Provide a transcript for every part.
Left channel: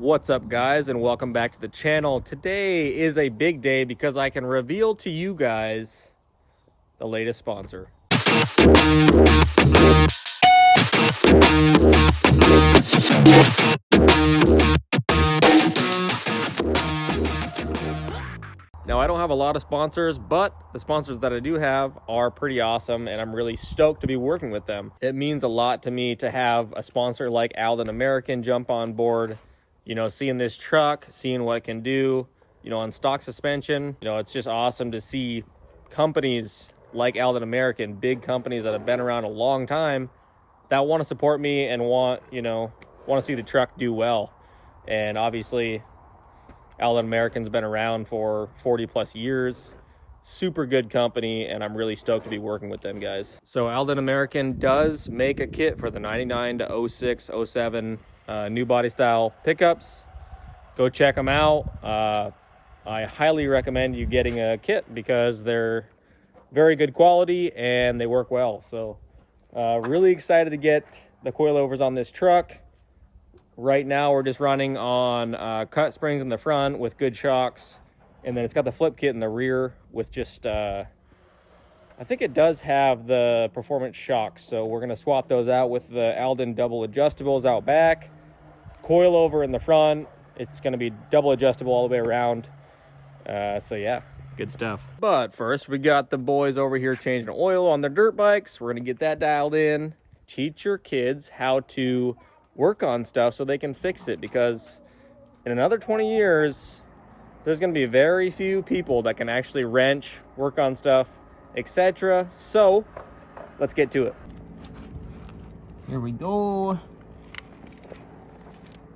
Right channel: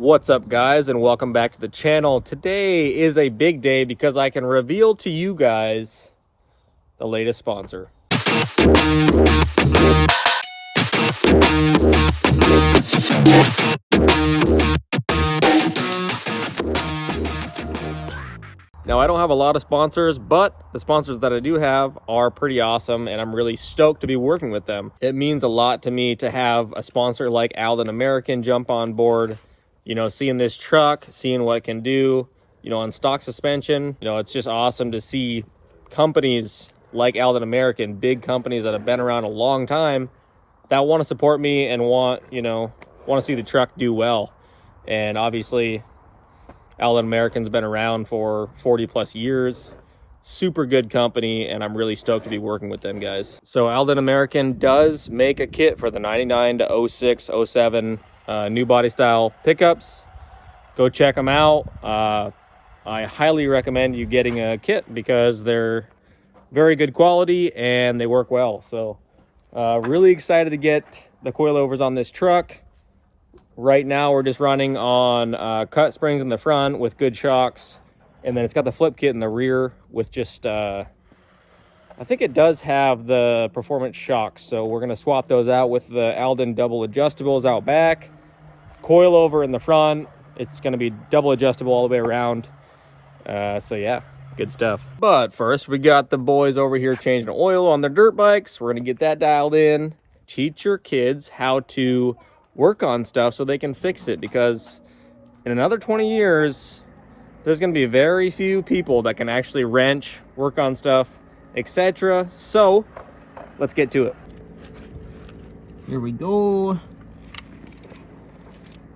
What's up, guys, and welcome back to the channel. Today is a big day because I can reveal to you guys the latest sponsor. Now, I don't have a lot of sponsors, but the sponsors that I do have are pretty awesome, and I'm really stoked to be working with them. It means a lot to me to have a sponsor like ALDAN American jump on board. You know, seeing this truck, seeing what it can do, you know, on stock suspension. You know, it's just awesome to see companies like ALDAN American, big companies that have been around a long time, that want to support me and want to see the truck do well. And obviously, ALDAN American's been around for 40 plus years. Super good company, and I'm really stoked to be working with them, guys. So ALDAN American does make a kit for the 99 to 06, 07 new body style pickups. Go check them out. I highly recommend you getting a kit because they're very good quality and they work well. So really excited to get the coilovers on this truck. Right now we're just running on cut springs in the front with good shocks, and then it's got the flip kit in the rear with just I think it does have the performance shocks, so we're going to swap those out with the ALDAN double adjustables out back. Coilover in the front. It's going to be double adjustable all the way around. So yeah, good stuff. But first, we got the boys over here changing oil on their dirt bikes. We're going to get that dialed in. Teach your kids how to work on stuff so they can fix it, because in another 20 years, there's going to be very few people that can actually wrench, work on stuff, etc. So let's get to it. Here we go.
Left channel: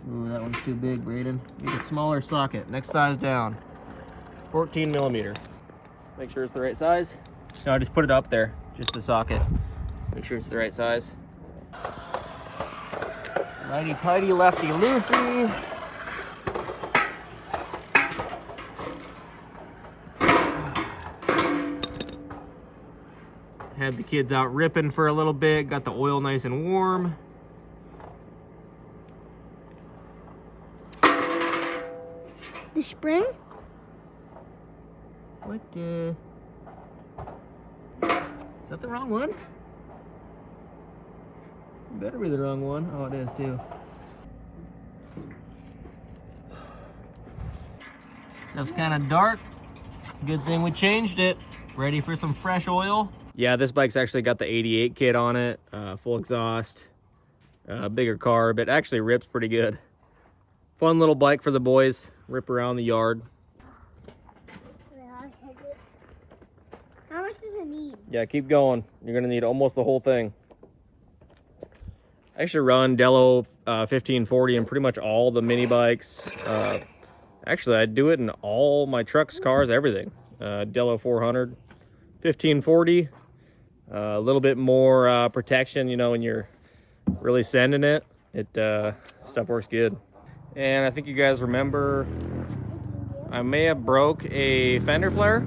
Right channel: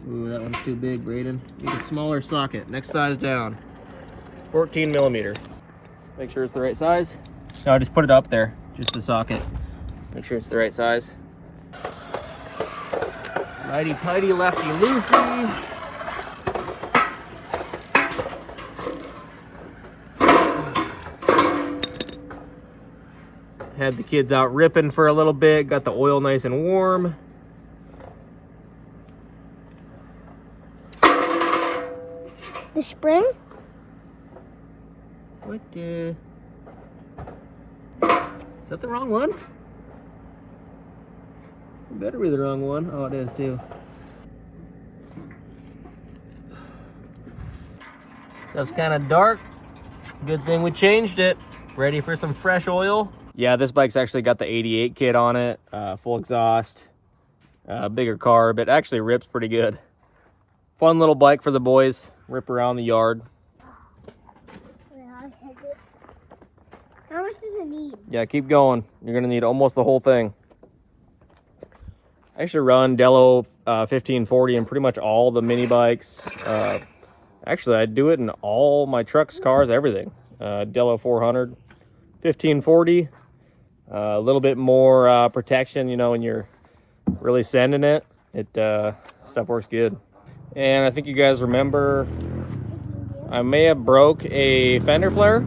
Ooh, that one's too big, Braden. Need a smaller socket. Next size down. 14 millimeter. Make sure it's the right size. No, I just put it up there. Just the socket. Make sure it's the right size. Righty tighty, lefty loosey. Had the kids out ripping for a little bit. Got the oil nice and warm. The spring? What the? Is that the wrong one? It better be the wrong one. Oh, it is too. Stuff's kind of dark. Good thing we changed it. Ready for some fresh oil. Yeah, this bike's actually got the 88 kit on it. Full exhaust. Bigger carb. It actually rips pretty good. Fun little bike for the boys. Rip around the yard. How much does it need? Yeah, keep going. You're gonna need almost the whole thing. I actually run Dello 1540 in pretty much all the mini bikes. Actually, I do it in all my trucks, cars, everything. Dello 400, 1540. A little bit more protection, you know, when you're really sending it. Stuff works good. And I think you guys remember, I may have broke a fender flare.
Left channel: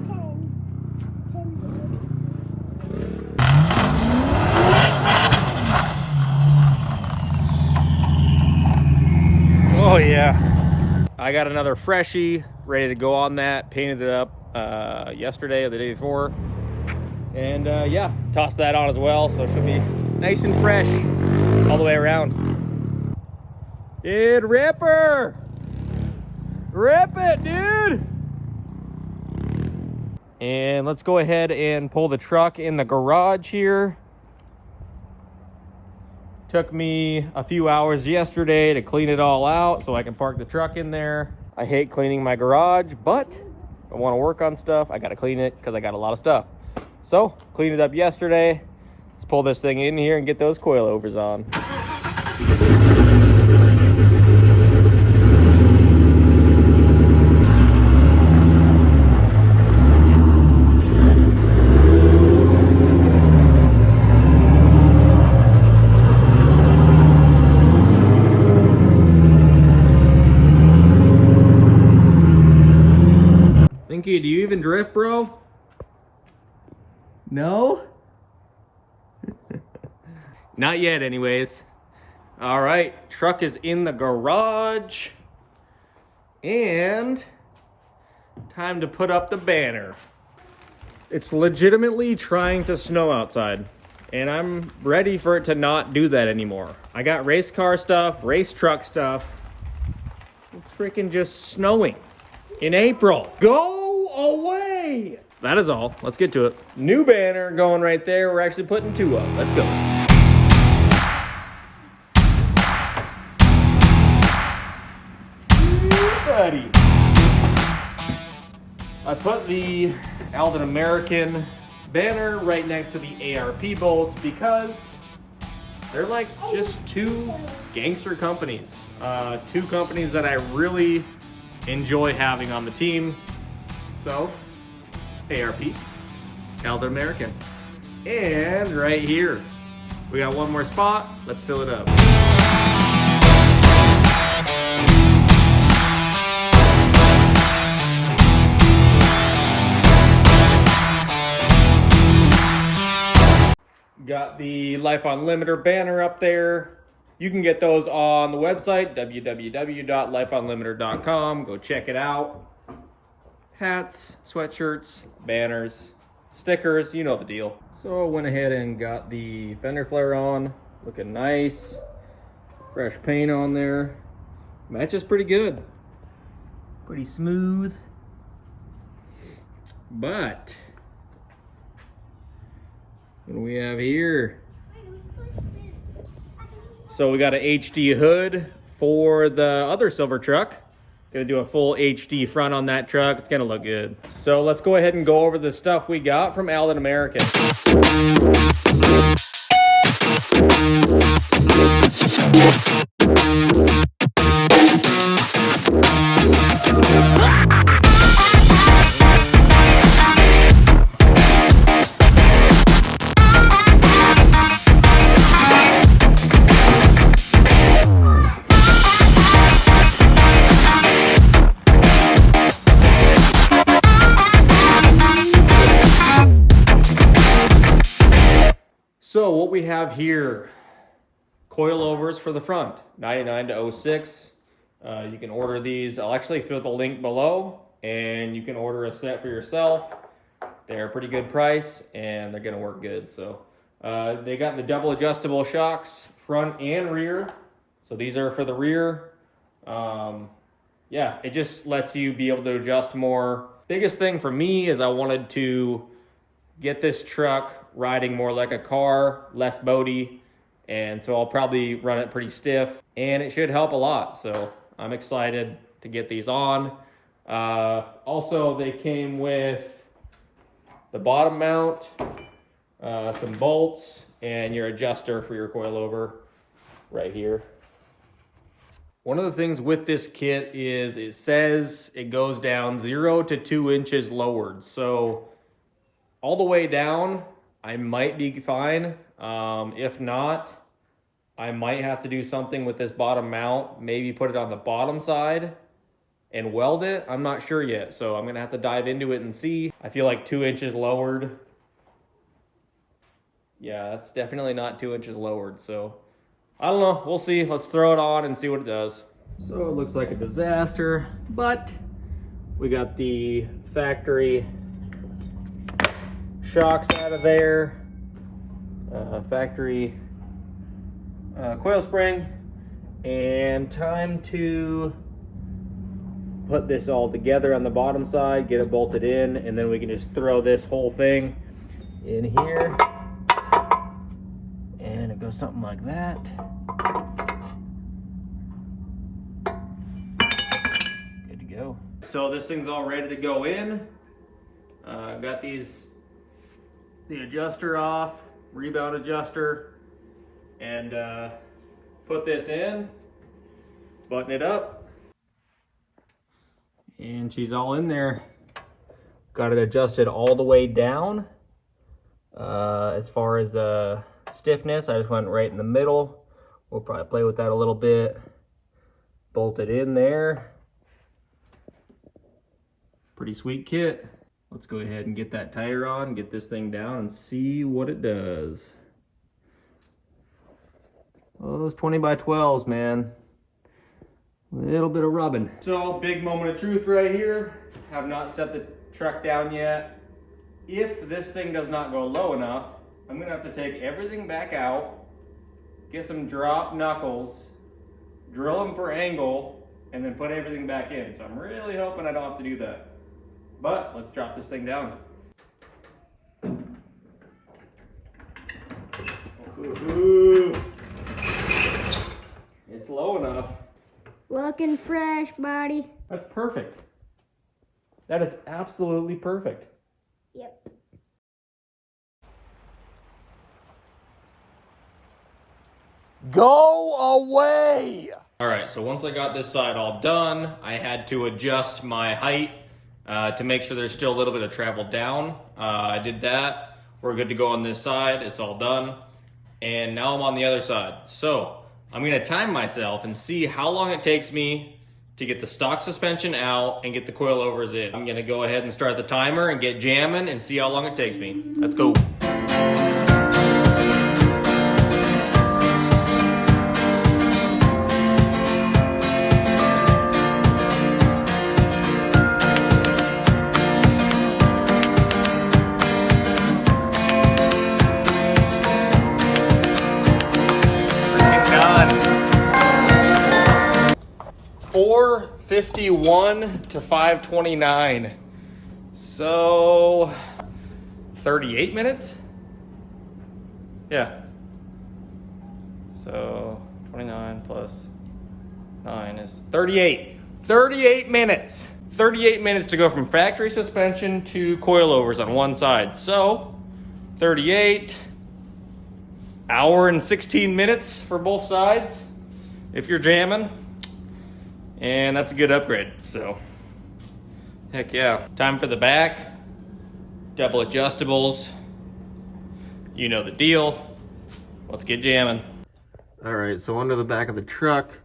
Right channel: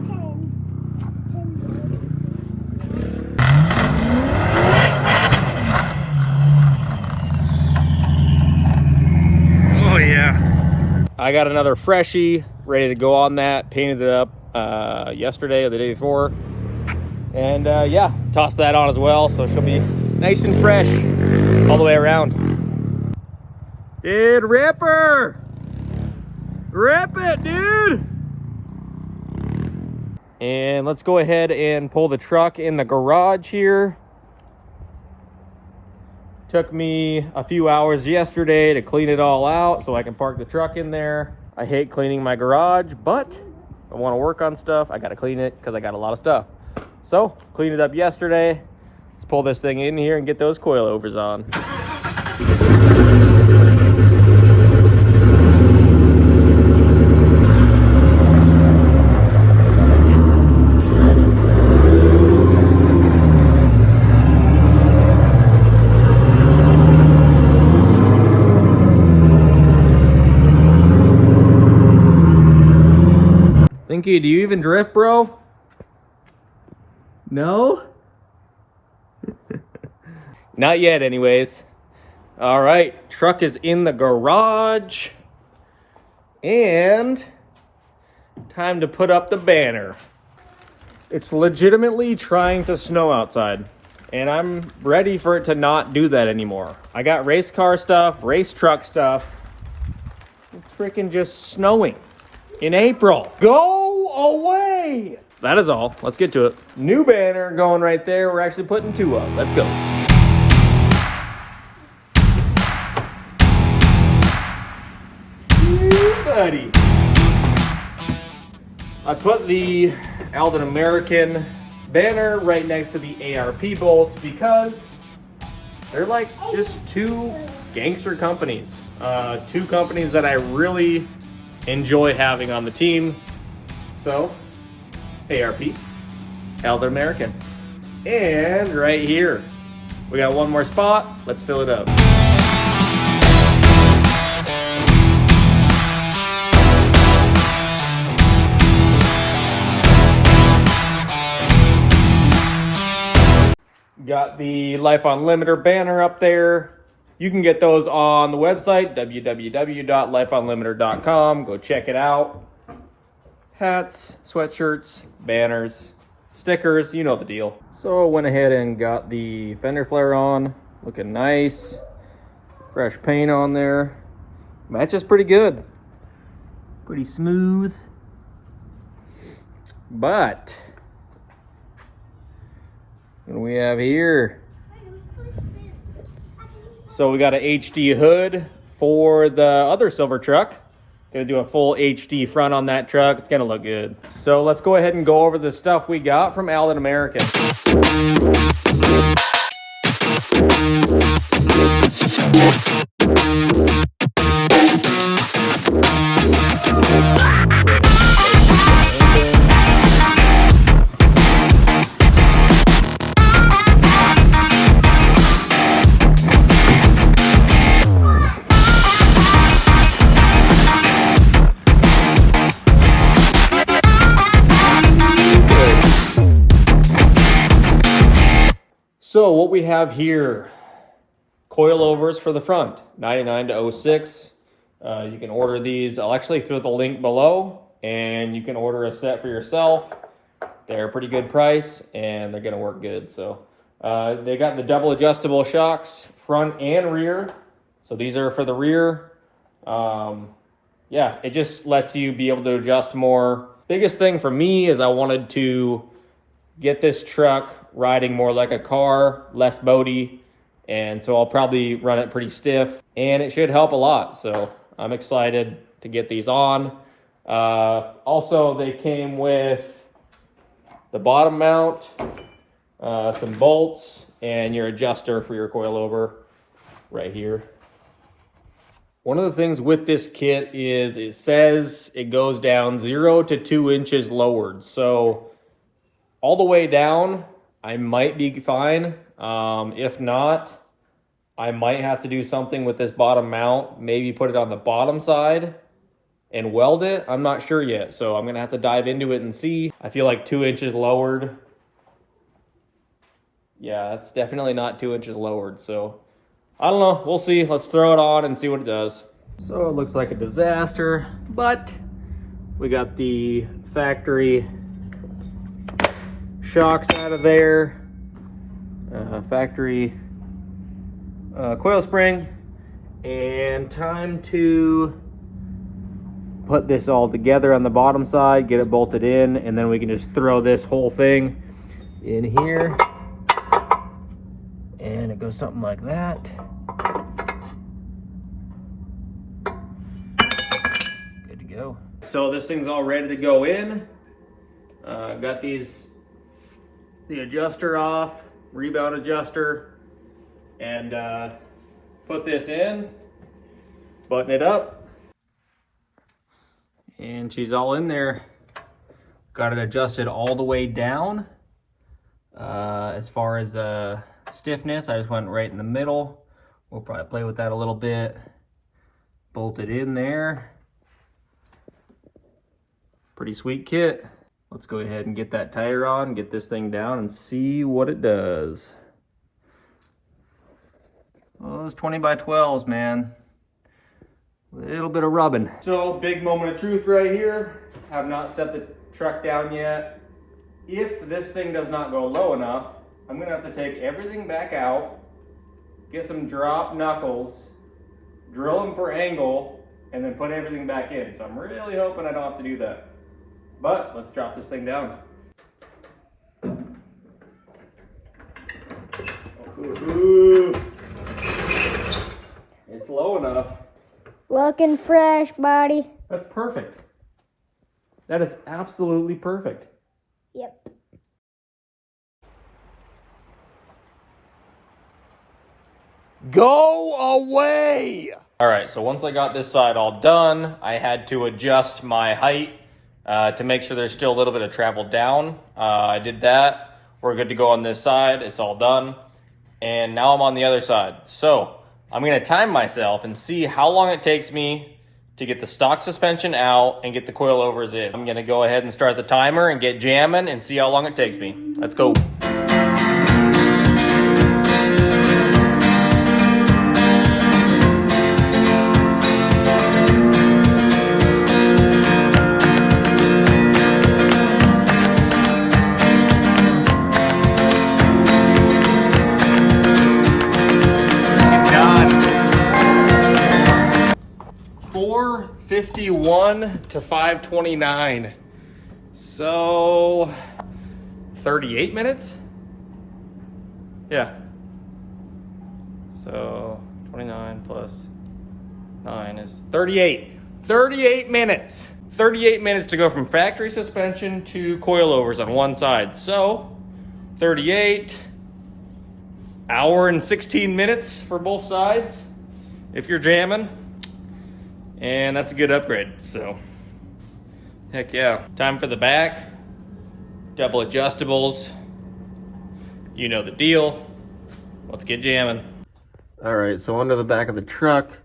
Oh yeah. I got another freshie ready to go on that. Painted it up yesterday or the day before. And yeah, tossed that on as well. So she'll be nice and fresh all the way around. Dude, ripper! Rip it, dude! And let's go ahead and pull the truck in the garage here. Took me a few hours yesterday to clean it all out so I can park the truck in there. I hate cleaning my garage, but if I want to work on stuff, I gotta clean it because I got a lot of stuff. So, cleaned it up yesterday. Let's pull this thing in here and get those coilovers on. Thinky, do you even drift, bro? No? Not yet, anyways. All right, truck is in the garage. And time to put up the banner. It's legitimately trying to snow outside, and I'm ready for it to not do that anymore. I got race car stuff, race truck stuff. It's freaking just snowing in April. Go away! That is all. Let's get to it. New banner going right there. We're actually putting 2 up. Let's go. Yeah, buddy. I put the ALDAN American banner right next to the ARP bolts because they're like just 2 gangster companies. 2 companies that I really enjoy having on the team. So, ARP, ALDAN American. And right here, we got 1 more spot. Let's fill it up. Got the Life Unlimited banner up there. You can get those on the website, www.lifeunlimited.com. Go check it out. Hats, sweatshirts, banners, stickers, you know the deal. So I went ahead and got the fender flare on. Looking nice. Fresh paint on there. Matches pretty good. Pretty smooth. But what do we have here? So we got an HD hood for the other silver truck. Gonna do a full HD front on that truck. It's gonna look good. So let's go ahead and go over the stuff we got from ALDAN American. So what we have here, coilovers for the front, 99 to 06. You can order these. I'll actually throw the link below, and you can order a set for yourself. They're a pretty good price, and they're gonna work good. So they got the double adjustable shocks, front and rear. So these are for the rear. Yeah, it just lets you be able to adjust more. Biggest thing for me is I wanted to get this truck riding more like a car, less boaty, and so I'll probably run it pretty stiff, and it should help a lot. So I'm excited to get these on. Also, they came with the bottom mount, some bolts, and your adjuster for your coilover right here. One of the things with this kit is it says it goes down 0 to 2 inches lowered. So all the way down, I might be fine. If not, I might have to do something with this bottom mount, maybe put it on the bottom side and weld it. I'm not sure yet, so I'm gonna have to dive into it and see. I feel like 2 inches lowered. Yeah, that's definitely not 2 inches lowered, so I don't know, we'll see. Let's throw it on and see what it does. So it looks like a disaster, but we got the factory shocks out of there, factory coil spring, and time to put this all together on the bottom side, get it bolted in, and then we can just throw this whole thing in here, and it goes something like that. Good to go. So this thing's all ready to go in. Got these, the adjuster off, rebound adjuster, and put this in, button it up, and she's all in there. Got it adjusted all the way down. As far as stiffness, I just went right in the middle. We'll probably play with that a little bit. Bolt it in there. Pretty sweet kit. Let's go ahead and get that tire on, get this thing down, and see what it does. Oh, those 20 by 12s, man. little bit of rubbing. So big moment of truth right here. Have not set the truck down yet. If this thing does not go low enough, I'm gonna have to take everything back out, get some drop knuckles, drill them for angle, and then put everything back in. So I'm really hoping I don't have to do that. But let's drop this thing down. Ooh. It's low enough. Looking fresh, buddy. That's perfect. That is absolutely perfect. Yep. Go away! All right, so once I got this side all done, I had to adjust my height to make sure there's still a little bit of travel down. I did that. We're good to go on this side. It's all done. And now I'm on the other side. So I'm gonna time myself and see how long it takes me to get the stock suspension out and get the coilovers in. I'm gonna go ahead and start the timer and get jamming and see how long it takes me. Let's go. God. 4:51 to 5:29. So 38 minutes? Yeah. So 29 plus 9 is 38. 38 minutes. 38 minutes to go from factory suspension to coilovers on one side. So 38 hour and 16 minutes for both sides if you're jamming, and that's a good upgrade. So heck yeah. Time for the back. Double adjustables, you know the deal. Let's get jamming. All right, so under the back of the truck,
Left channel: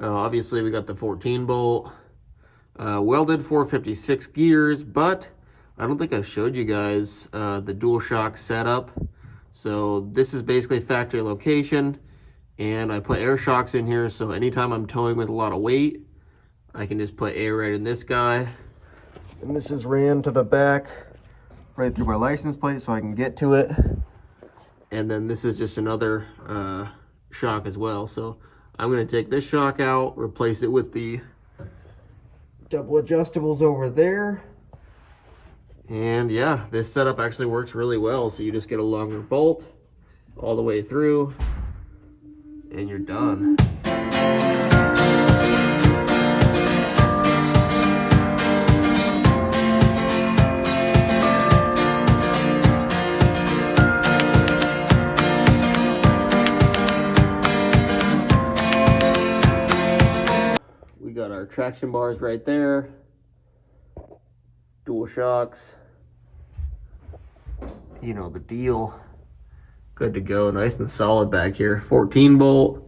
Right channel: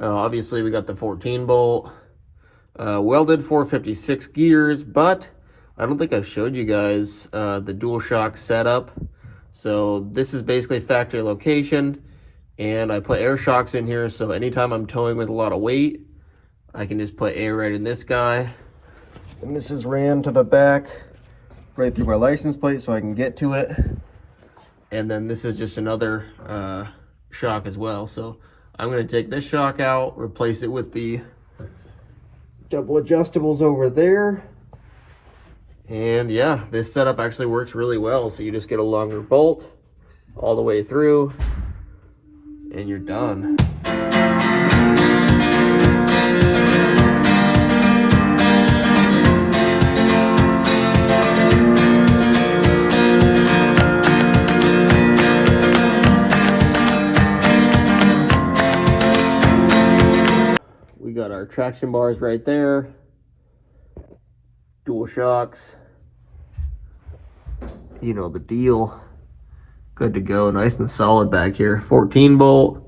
obviously we got the 14 bolt welded 456 gears, but I don't think I've showed you guys the dual shock setup. So this is basically factory location, and I put air shocks in here, so anytime I'm towing with a lot of weight, I can just put air right in this guy. And this is ran to the back, right through my license plate so I can get to it. And then this is just another shock as well. So I'm gonna take this shock out, replace it with the double adjustables over there. And yeah, this setup actually works really well. So you just get a longer bolt all the way through and you're done. We got our traction bars right there. Dual shocks. You know the deal. Good to go, nice and solid back here. 14 bolt,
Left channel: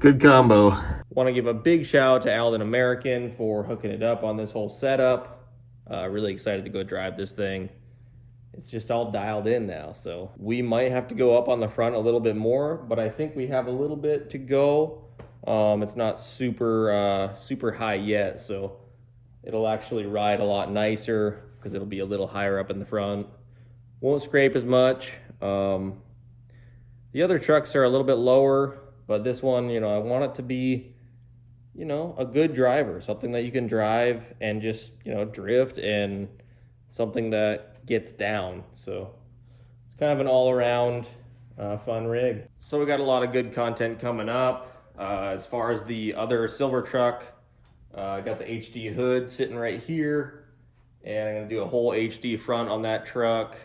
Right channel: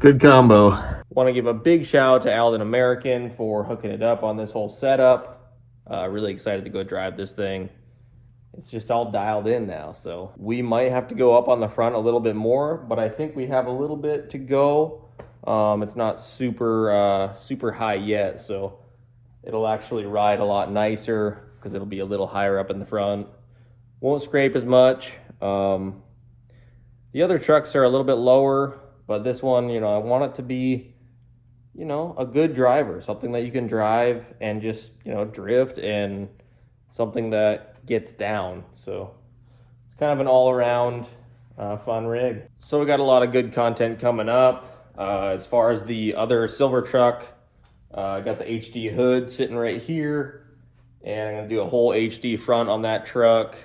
good combo. Want to give a big shout out to ALDAN American for hooking it up on this whole setup. Really excited to go drive this thing. It's just all dialed in now, so we might have to go up on the front a little bit more, but I think we have a little bit to go. It's not super super high yet, so it'll actually ride a lot nicer because it'll be a little higher up in the front. Won't scrape as much. The other trucks are a little bit lower, but this one, you know, I want it to be, you know, a good driver, something that you can drive and just, you know, drift, and something that gets down. So it's kind of an all-around fun rig. So we got a lot of good content coming up. As far as the other silver truck, I got the HD hood sitting right here, and I'm gonna do a whole HD front on that truck.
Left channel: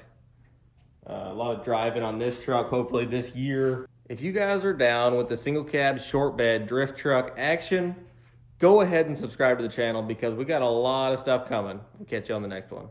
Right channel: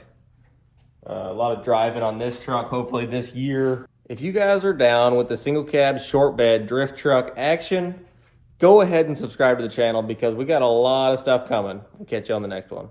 A lot of driving on this truck, hopefully this year. If you guys are down with the single cab short bed drift truck action, go ahead and subscribe to the channel because we got a lot of stuff coming. We'll catch you on the next one.